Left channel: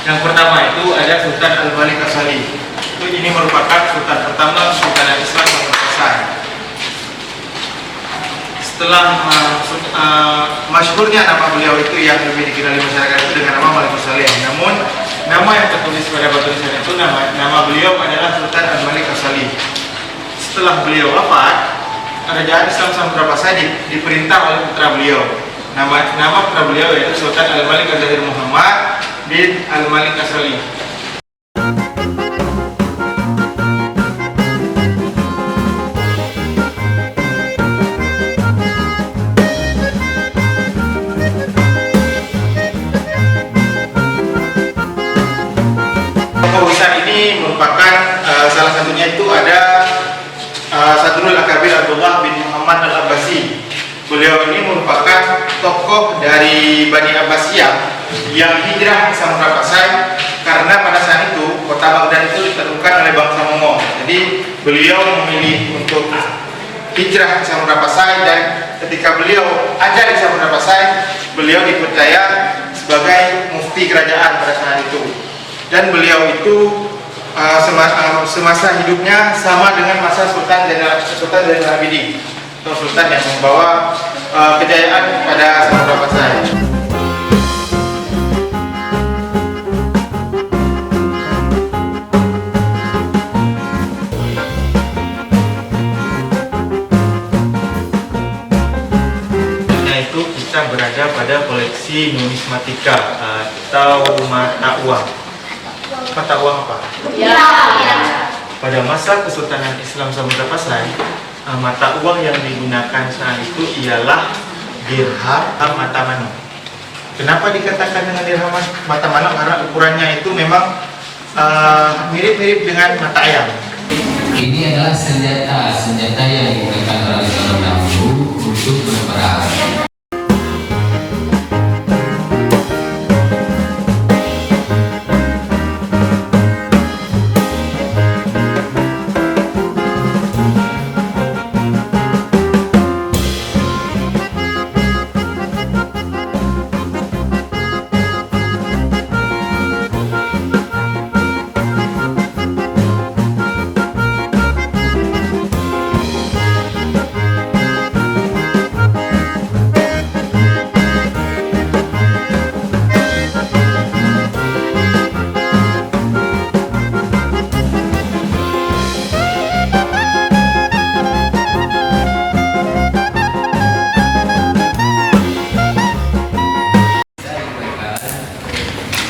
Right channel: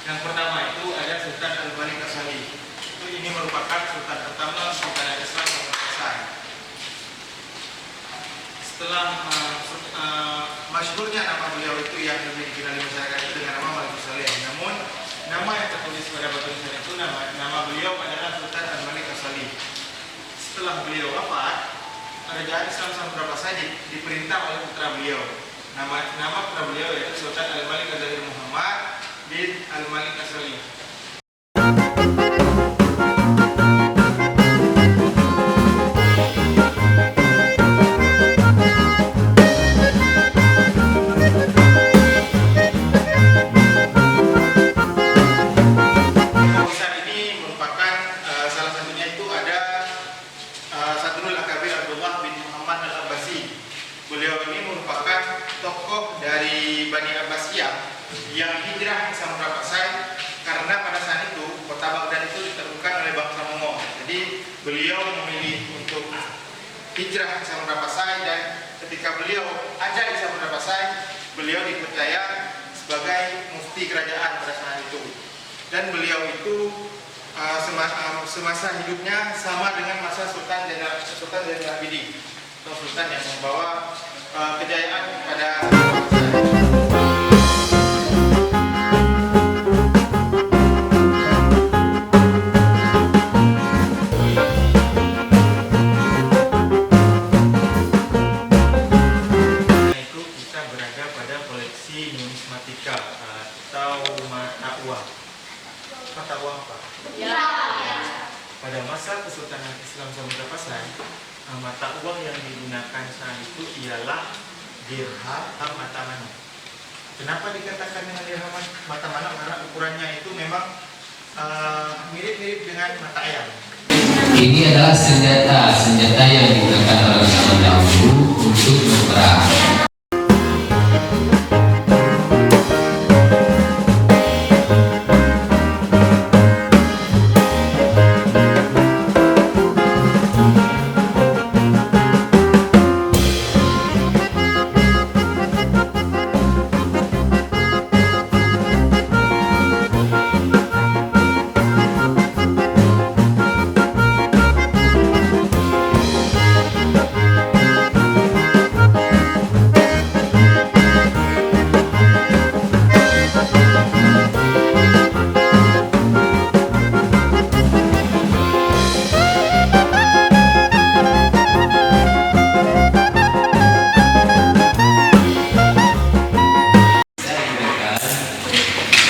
Yang pertama itu ada Sultan Al-Malik As-Salih. Ini merupakan sultan pertama Sultan Islam yang berkuasa. Setelah masyhurnya nama beliau itu yang lebih dikenali masyarakat itu dengan nama Malik As-Salih. Namun nama yang tertulis pada batu nisan itu nama beliau adalah Sultan Al-Malik As-Salih. Setelah beliau wafat, Kerajaan Islam Samudra Pasai diperintah oleh putra beliau. Nama putra beliau yaitu Sultan Al-Malik Az-Zahir Muhammad bin Al-Malik As-Salih. Salah satunya itu ada Sadrul Akabir Abdullah bin Muhammad Al-Abbasi. Beliau ini merupakan tokoh dari Bani Abbasiyah yang hijrah ke Samudra Pasai karena pada saat itu kota Baghdad itu ditaklukkan oleh bangsa Mongol. Jadi beliau memilih untuk hijrah ke Samudra Pasai, dan ketika beliau ajar di Samudra Pasai, beliau dipercaya sebagai mufti kerajaan pada saat itu. Dan beliau itu semasa hidupnya sama dengan masa Sultan Zainal Abidin, atau sultan yang membawa kejayaan pada Samudra Pasai. Yaitu kita berada pada koleksi numismatika atau mata uang. Mata uang apa? Ya. Pada masa Kesultanan Islam Samudra Pasai, mata uang yang digunakan saat itu ialah dirham mata manuk. Kenapa dikatakan dengan dirham mata manuk? Karena ukurannya itu memang mirip-mirip dengan mata ayam. Ini adalah senjata yang digunakan orang zaman dahulu untuk berperang.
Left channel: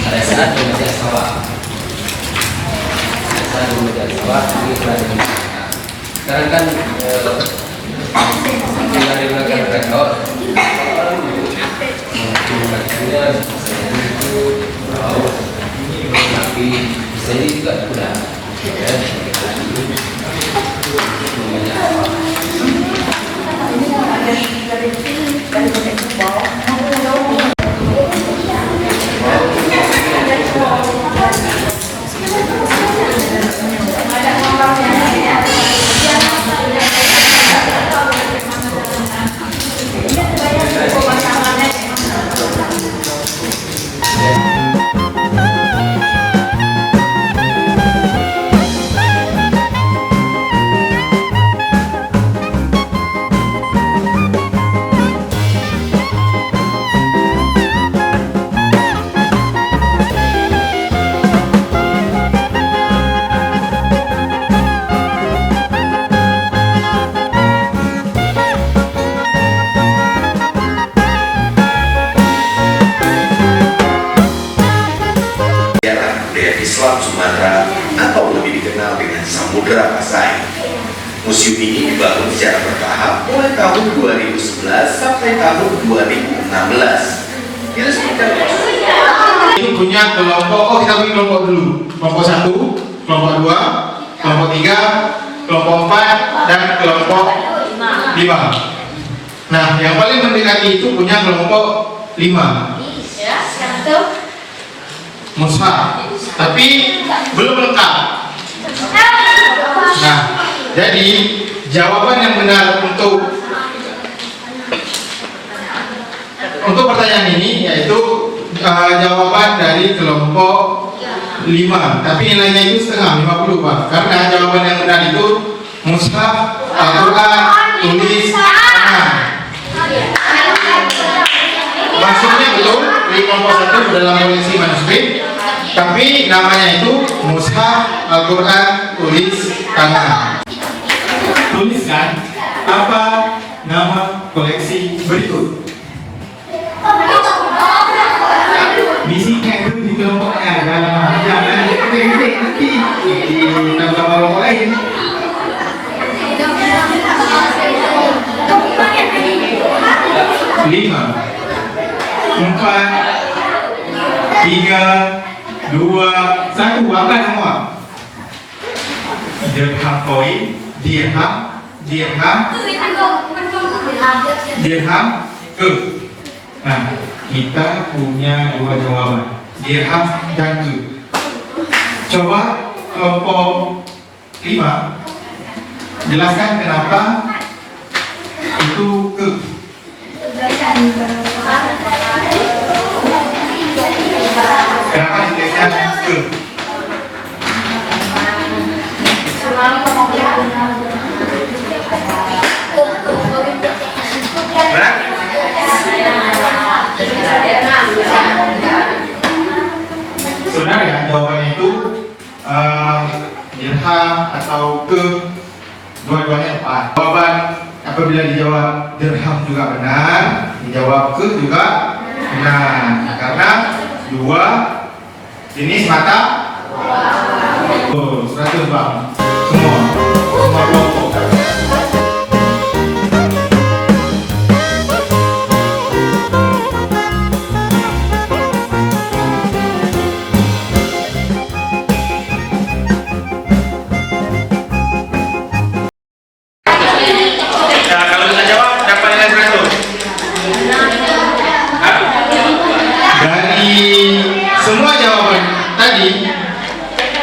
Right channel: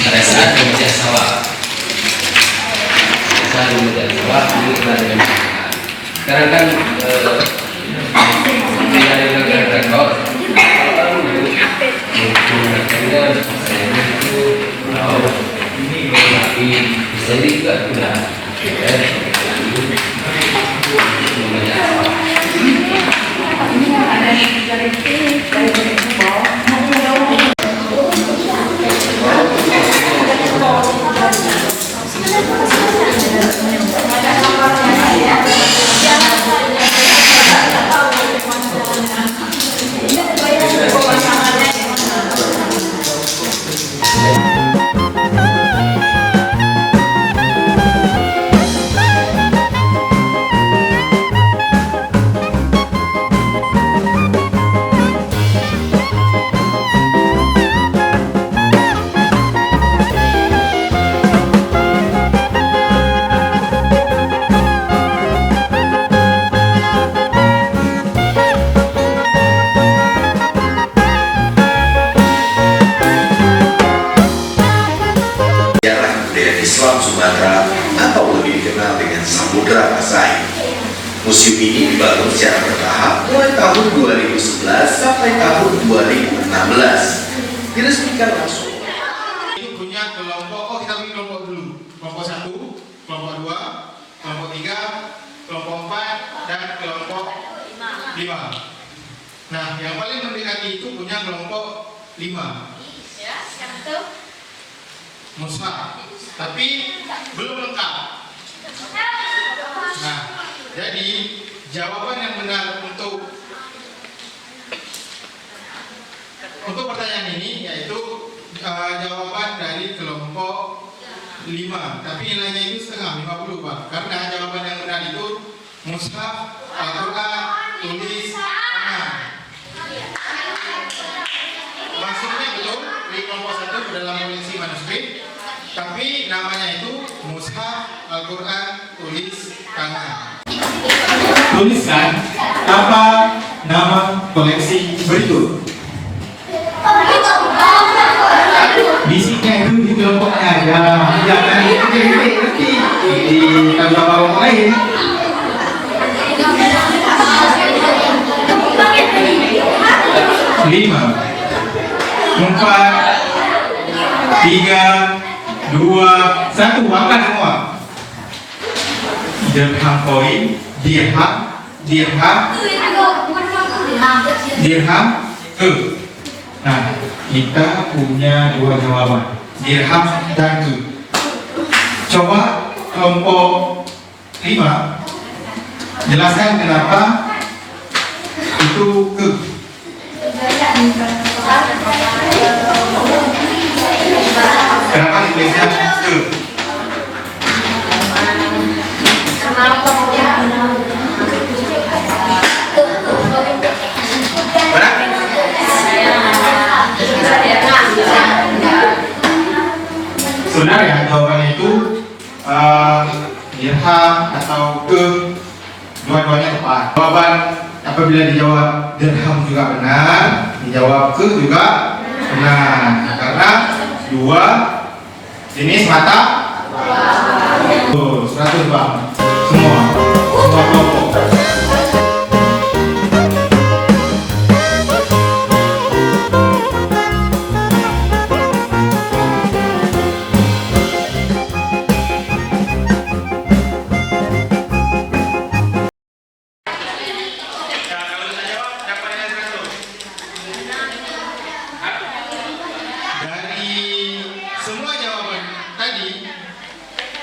Pada saat pemecahan sawah, ini telah dengan masyarakat. Sekarang kan tidak ada dengan rekor, menggunakannya itu tapi bisa juga tidak, ya, memecahan sawah. Islam Sumatera atau lebih dikenal dengan Samudra Pasai. Museum ini dibangun secara bertahap mulai tahun 2011 sampai tahun 2016. Diresmikan langsung. Ini punya kelompok, kita bagi kelompok dulu. Kelompok 1, kelompok 2, kelompok 3, kelompok 4, dan kelompok 5. Nah, yang paling mendekati itu punya kelompok 5. Mushaf, tapi belum lengkap. Nah, jadi jawaban yang benar untuk pertanyaan ini yaitu jawaban dari kelompok 5, tapi nilainya itu setengah, 50 Pak. Karena jawaban yang benar itu mushaf Al-Quran tulis tangan. Maksudnya betul di kelompok 1 dalam koleksi manuskrip, tapi namanya itu mushaf Al-Quran tulis tangan. Tuliskan apa nama koleksi berikut. Bisinya itu di kelompoknya, jangan nanti di tambah kelompok lain. 5, 4, 3, 2, 1, angkat semua. Dirham koin, dirham, Nah, kita punya 2 jawaban, dirham dan ke. Coba kelompok 5 jelaskan kenapa itu ke. Kenapa tulisnya ke? Benar? Sebenarnya jawabannya itu dirham atau ke, dua-duanya tepat. Jawaban apabila dijawab dirham juga benar, dijawab ke juga benar, karena 2 jenis mata. 100 Bang. Semua kelompok.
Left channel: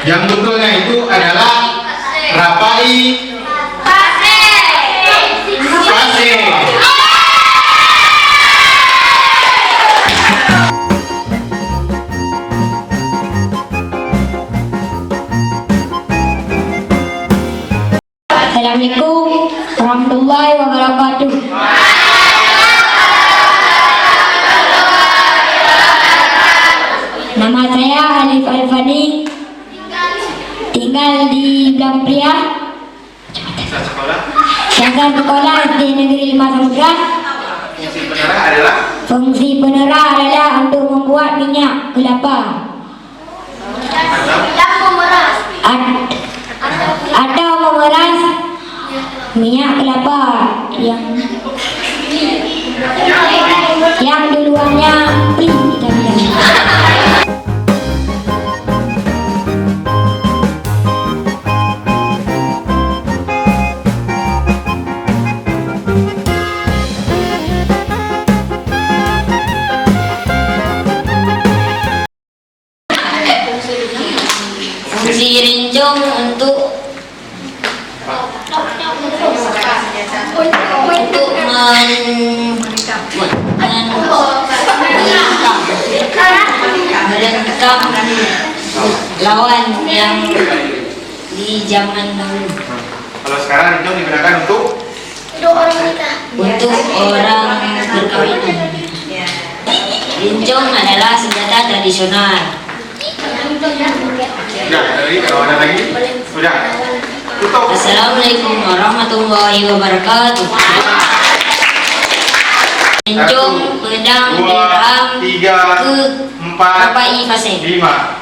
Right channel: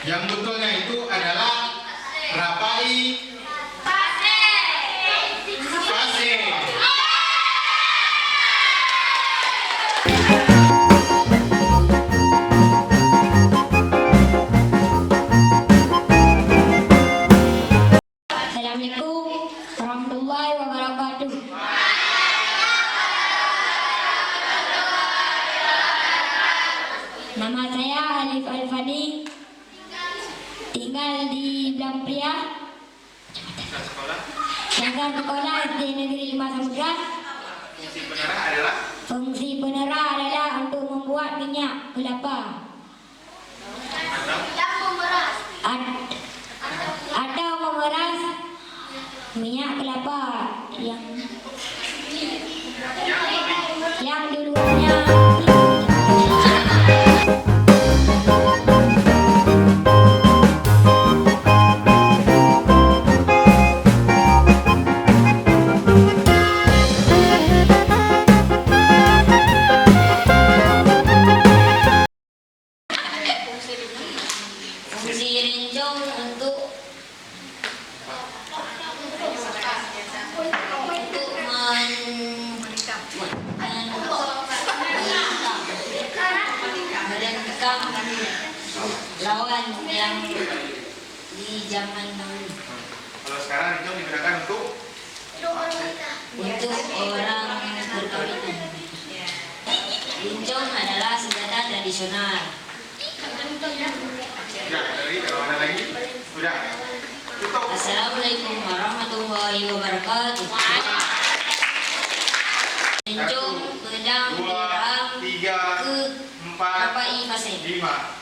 Yang betulnya itu adalah rapai fase. Assalamualaikum warahmatullahi wabarakatuh. Nama saya Alif Alfani, tinggal di Blampria. Saya sekolah di Negeri 5 Samudra. Fungsi penerah adalah untuk membuat minyak kelapa atau memeras minyak kelapa yang duluannya lawan yang di zaman dahulu. Kalau sekarang rincong digunakan untuk orang berkawinan. Rincong adalah senjata tradisional. Sudah, kalau ada lagi, sudah. Tutup. Assalamualaikum warahmatullahi wabarakatuh. Rincong, pedang, dirham, 3, 4, rapai fase. 5.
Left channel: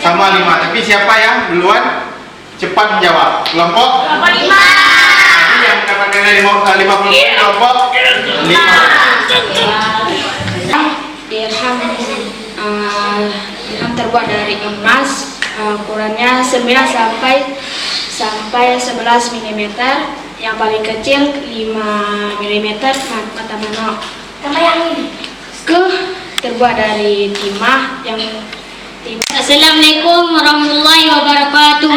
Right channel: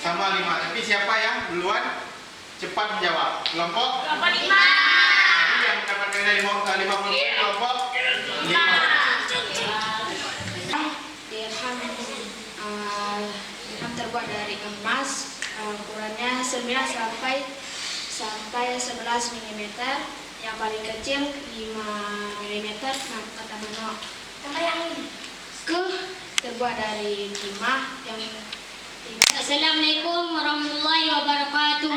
Sama 5, tapi siapa yang duluan cepat menjawab? Kelompok 5. Jadi yang dapat nilai 50 kelompok 5. Dirham terbuat dari emas, ukurannya 9 sampai 11 mm. Yang paling kecil 5 mm mata manok. Ke terbuat dari timah yang Assalamualaikum warahmatullahi wabarakatuh.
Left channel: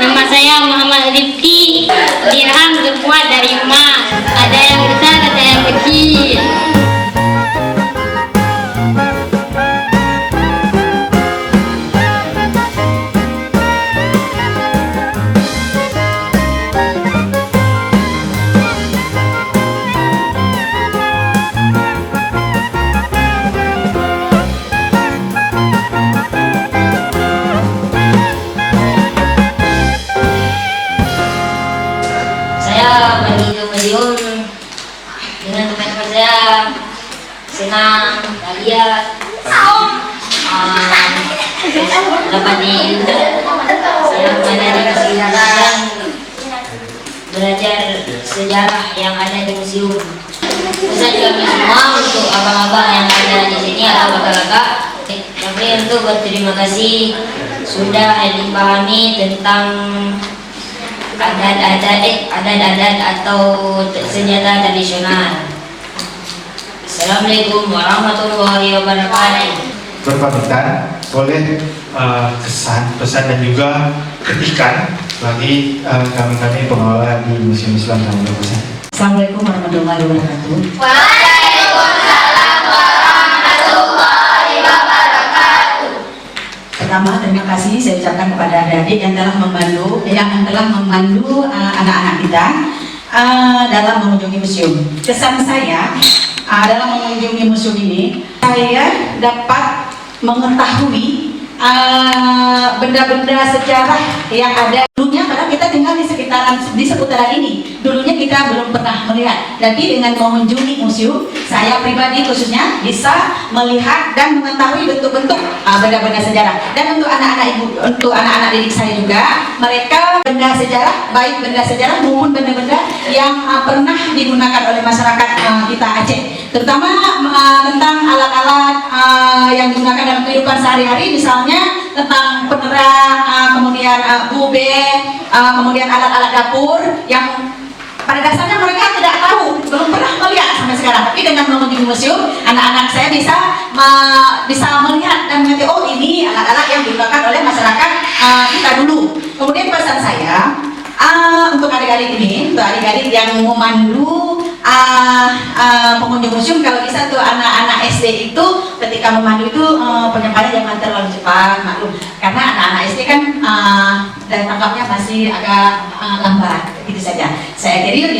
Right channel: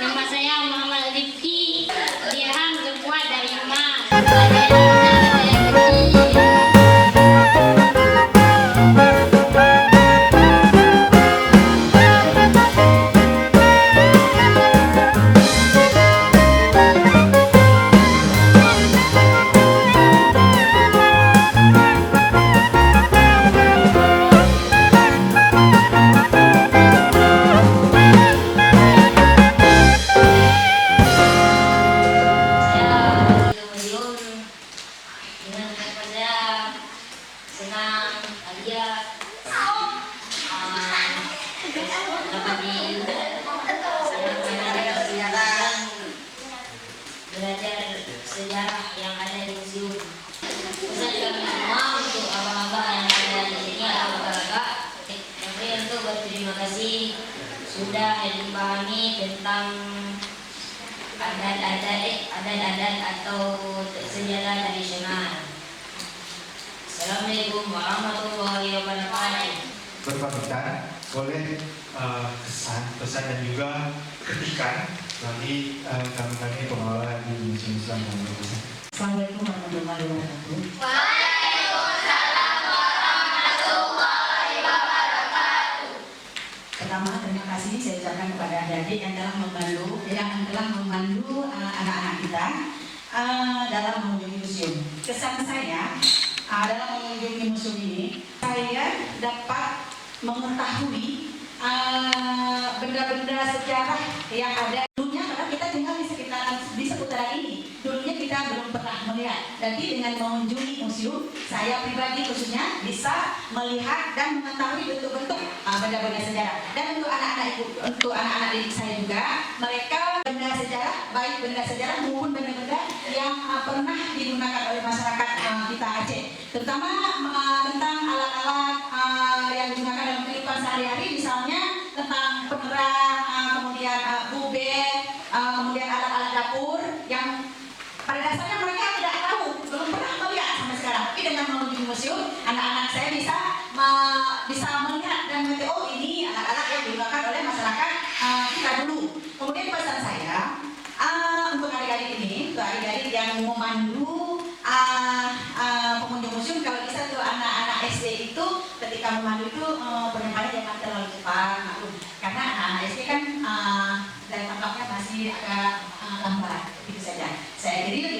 Nama saya Muhammad Rifki. Dirham terbuat dari emas. Ada belajar sejarah yang ada di museum. Pesan kami semua untuk abang-abang yang ada di sini atau kakak-kakak, kami untuk berterima kasih sudah dipahami tentang adat-adat atau senjata tradisional. Assalamualaikum warahmatullahi wabarakatuh. Berpamitan oleh kesan, pesan dan juga kritikan bagi kami pengelola di Museum Islam Taman Daun. Assalamualaikum warahmatullahi wabarakatuh. Waalaikumsalam warahmatullahi wabarakatuh. Pertama, terima kasih saya ucapkan kepada adik-adik yang telah memandu anak-anak kita dalam mengunjungi museum. Kesan saya dalam mengunjungi museum ini, saya dapat mengetahui benda-benda sejarah yang ada dulunya, karena kita tinggal di seputaran ini. Dulunya kita belum pernah melihat. Jadi dengan mengunjungi museum, saya pribadi khususnya bisa melihat dan mengetahui bentuk-bentuk benda-benda sejarah. Dan untuk anak-anak didik saya juga, mereka benda sejarah, baik benda sejarah maupun benda-benda yang pernah digunakan oleh masyarakat kita Aceh. Terutama tentang alat-alat yang digunakan dalam kehidupan sehari-hari, misalnya tentang penerang, kemudian bubet, kemudian alat-alat dapur yang pada dasarnya mereka tidak tahu, belum pernah melihat sampai sekarang. Tapi dengan mengunjungi museum, anak-anak saya bisa melihat dan mengerti, oh ini alat-alat yang digunakan oleh masyarakat kita dulu. Kemudian pesan saya untuk adik-adik ini, untuk adik-adik yang memandu pengunjung museum, kalau bisa tuh anak-anak SD itu ketika memandu itu penyampaiannya jangan terlalu cepat, maklum, karena anak-anak SD kan daya tangkapnya masih agak lambat. Itu saja. Saya akhiri,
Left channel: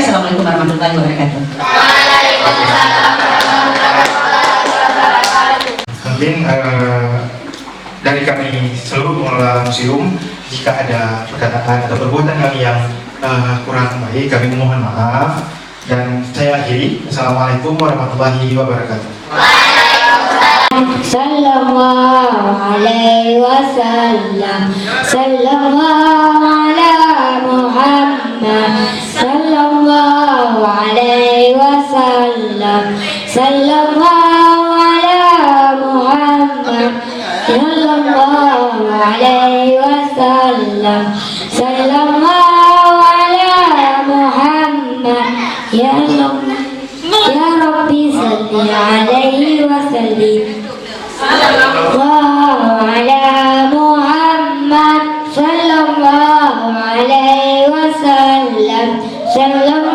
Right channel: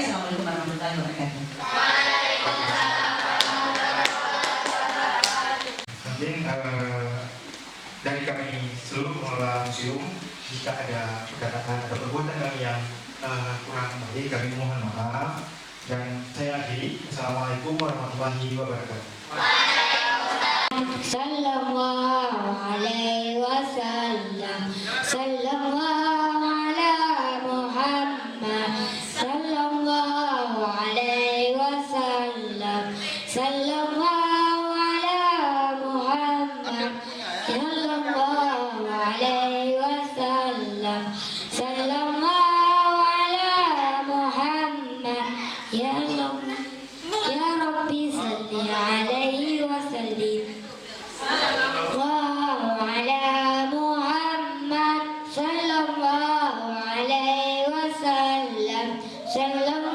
Assalamualaikum warahmatullahi wabarakatuh. Waalaikumsalam warahmatullahi wabarakatuh. Mungkin dari kami seluruh pengelola museum, jika ada perkataan atau perbuatan kami yang kurang baik, kami mohon maaf. Dan saya akhiri. Assalamualaikum warahmatullahi wabarakatuh. Sallallahu alaihi wasallam. Sallallahu ala Muhammad. Sallallahu alaihi wasallam. Sallallahu ala Muhammad. Sallallahu alaihi wasallam. Sallallahu ala Muhammad. Ya Rabbi salli alaihi wa sallim. Sallallahu ala Muhammad. Sallallahu alaihi wa sallam. Sallallahu